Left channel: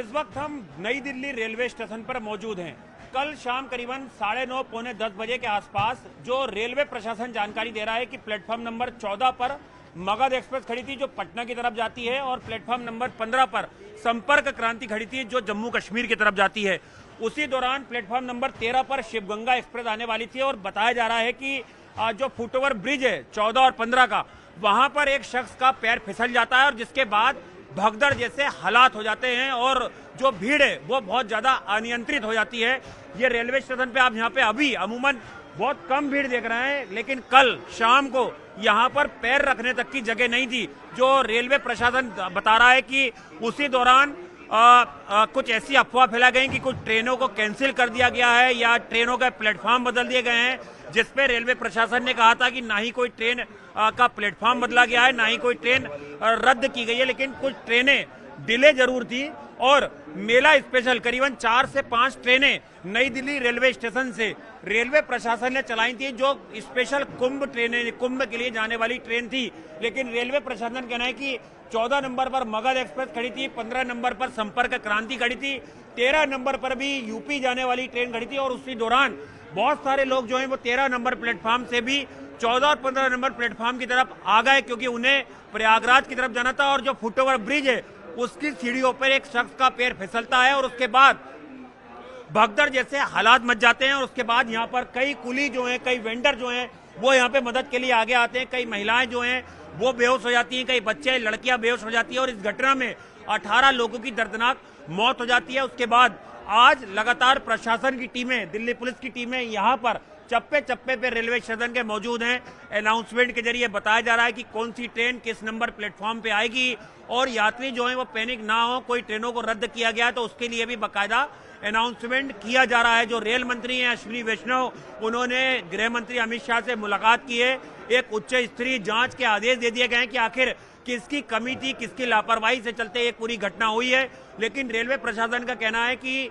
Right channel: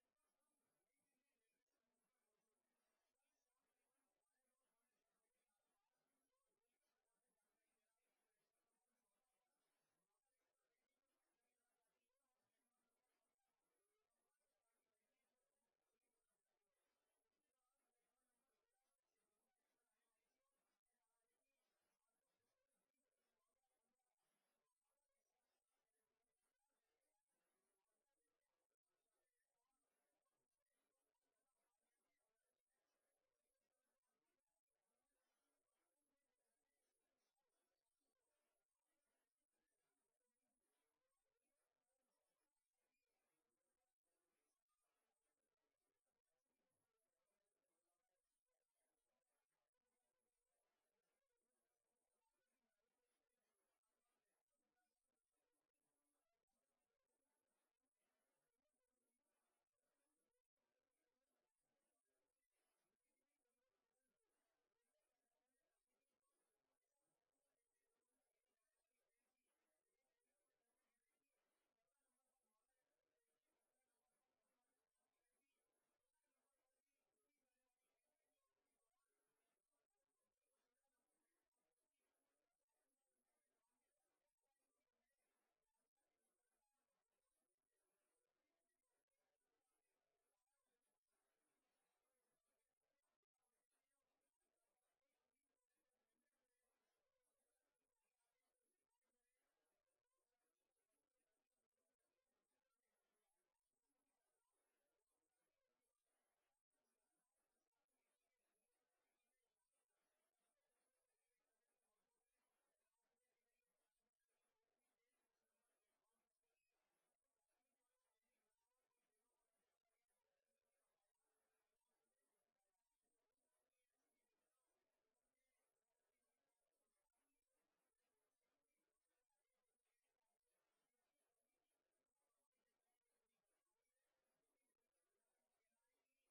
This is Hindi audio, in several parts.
इस वक्त हम नई दिल्ली रेलवे स्टेशन पर मौजूद हैं। कल शाम करीबन 9:30 पौने 10 बजे के आसपास जो रेलवे प्रशासन जानकारी दे रहा है कि प्लेटफॉर्म नंबर 14 पर मगध एक्सप्रेस खड़ी थी जो पटना की तरफ जाती है, और प्लेटफॉर्म नंबर 15 पर संपर्क क्रांति खड़ी थी जो जम्मू कश्मीर की तरफ जाती है। उसी दौरान प्लेटफॉर्म नंबर 13 पर शिवगंगा एक्सप्रेस आने वाली थी, और बताया जा रहा है कि जो फुटओवर ब्रिज है 14 और 15 का, वहां पर एक शख्स का पैर फिसल जाता है और जिसके बाद भगदड़ जैसे हालात हो जाते हैं और जो भीड़ है वो बहुत ज्यादा अनियंत्रित हो जाती है। ये रेलवे स्टेशन पे आप यहाँ पे अभी अमूमन बहुत कम भीड़ देख रहे हैं, लेकिन कल शाम को यहाँ पर पैर रखने तक की जगह नहीं थी। जो रेलवे प्रशासन बता रहा है कि उसी दौरान कुछ ऐसी अफवाह फैला गई कि कुछ ट्रेनों को कैंसिल कर दिया गया है या ट्रेनों के प्लेटफॉर्म बदल दिए गए हैं, जिसपे रेलवे प्रशासन ने कहा था कि ना ही कोई ट्रेन का प्लेटफॉर्म बदला गया है, ना ही कोई ट्रेन रद्द की गई है, लेकिन कुछ ट्रेनें डिले जरूर थी। और मेला स्पेशल करीबन 4 से 5 ट्रेनें नई दिल्ली रेलवे स्टेशन से रेलवे प्रशासन ने चलाई थी, जो स्पेशल कुंभ ट्रेनें, कुंभ के लिए जाने वाली ट्रेन थी। लेकिन रेलवे प्रशासन कहना है कि 14 नंबर पर मगध एक्सप्रेस खड़ी थी, 15 नंबर पर संपर्क क्रांति खड़ी थी, 13 नंबर पर भी यूपी जाने वाली ट्रेन खड़ी थी। और उसी दौरान बहुत सारे लोग जो हैं वो 13 नंबर प्लेटफॉर्म से भी 14 और 15 नंबर प्लेटफॉर्म की तरफ आ गए, क्योंकि उन्हें प्रयागराज की तरफ जाना था। और जो फुटओवर ब्रिज है उसकी सीढ़ियों पर एक शख्स का पैर फिसलता है और उसके बाद भगदड़ जैसे हालात मच जाते हैं। और उसके बाद यहाँ पर कई कुली जो हैं, कई वेंडर जो हैं वो यहाँ पे मदद के लिए आगे आते हैं, कई महिलाएं जो हैं वो बेहोश हो जाती हैं, कई बच्चे लड़कियां बेहोश हो जाती है। और इस घटना में 18 लोगों की दर्दनाक मौत हो जाती है। उसके बाद आज लगातार प्रशासन की टीमें, दिल्ली पुलिस की टीमें यहाँ पर चप्पे चप्पे पे रेलवे स्टेशन के मौजूद हैं। अनाउंसमेंट के जरिए बताया जा रहा है कि कौन सी ट्रेन किस नंबर प्लेटफॉर्म पे आएगी, और यात्री जो है वो पैनिक ना हो, कोई ट्रेनों को रद्द किया गया तो उसके लिए भी बाकायदा अनाउंसमेंट किया जा रहा है। जो रेल मंत्री हैं अश्विनी वैष्णव, उन्होंने गृह मंत्री अमित शाह से मुलाकात की है। एक उच्च स्तरीय जांच के आदेश दे दिए गए हैं कि आखिर किसकी कमी थी, किसकी लापरवाही से चलते ये पूरी घटना हुई है। लेकिन रेलवे प्रशासन का कहना है कि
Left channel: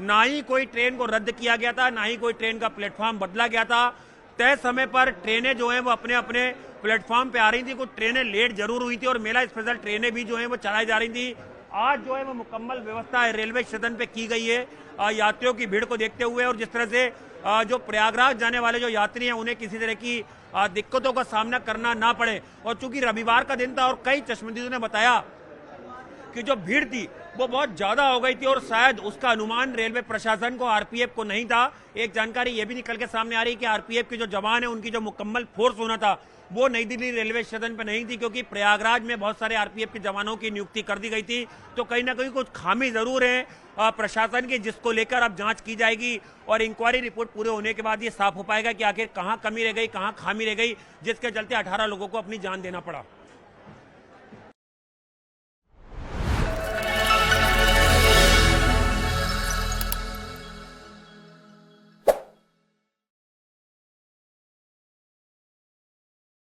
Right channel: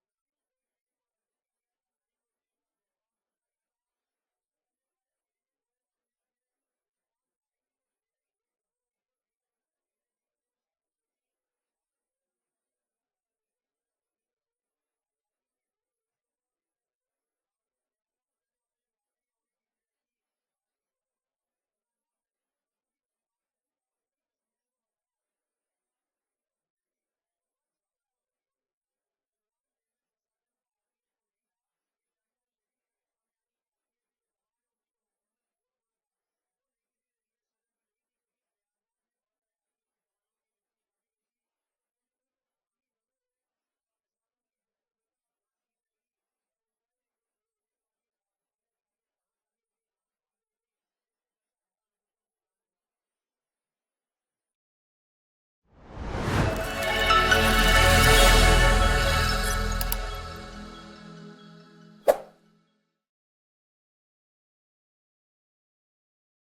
ना ही कोई ट्रेन को रद्द किया गया था, ना ही कोई ट्रेन का प्लेटफॉर्म बदला गया था। तय समय पर ट्रेनें जो हैं वो अपने अपने प्लेटफॉर्म पे आ रही थी। कुछ ट्रेनें लेट जरूर हुई थी और मेला स्पेशल ट्रेनें भी जो हैं वो चलाई जा रही थी। आज जो है वो मुकम्मल व्यवस्था है रेलवे स्टेशन पे की गई है यात्रियों की भीड़ को देखते हुए। और जिस तरह से जो प्रयागराज जाने वाले जो यात्री हैं उन्हें किसी तरह की दिक्कतों का सामना करना ना पड़े। और चूंकि रविवार का दिन था और कई चश्मदीदों ने बताया कि जो भीड़ थी वो बहुत ज्यादा हो गई थी और शायद उसका अनुमान रेलवे प्रशासन को, आरपीएफ को नहीं था। एक जानकारी ये भी निकल के सामने आ रही है कि आरपीएफ के जो जवान है उनकी जो मुकम्मल फोर्स होना था वो नई दिल्ली रेलवे स्टेशन पे नहीं थी, क्योंकि प्रयागराज में बहुत सारे आरपीएफ के जवानों की नियुक्ति कर दी गई थी। तो कहीं ना कहीं कुछ खामी जरूर है प्रशासन की, जिसको लेकर अब जांच की जाएगी और इंक्वायरी रिपोर्ट पूरे होने के बाद ये साफ हो पाएगा कि आखिर कहाँ कमी रह गई, कहाँ खामी रह गई, जिसके चलते 18 लोगों को अपनी जान देना पड़ा।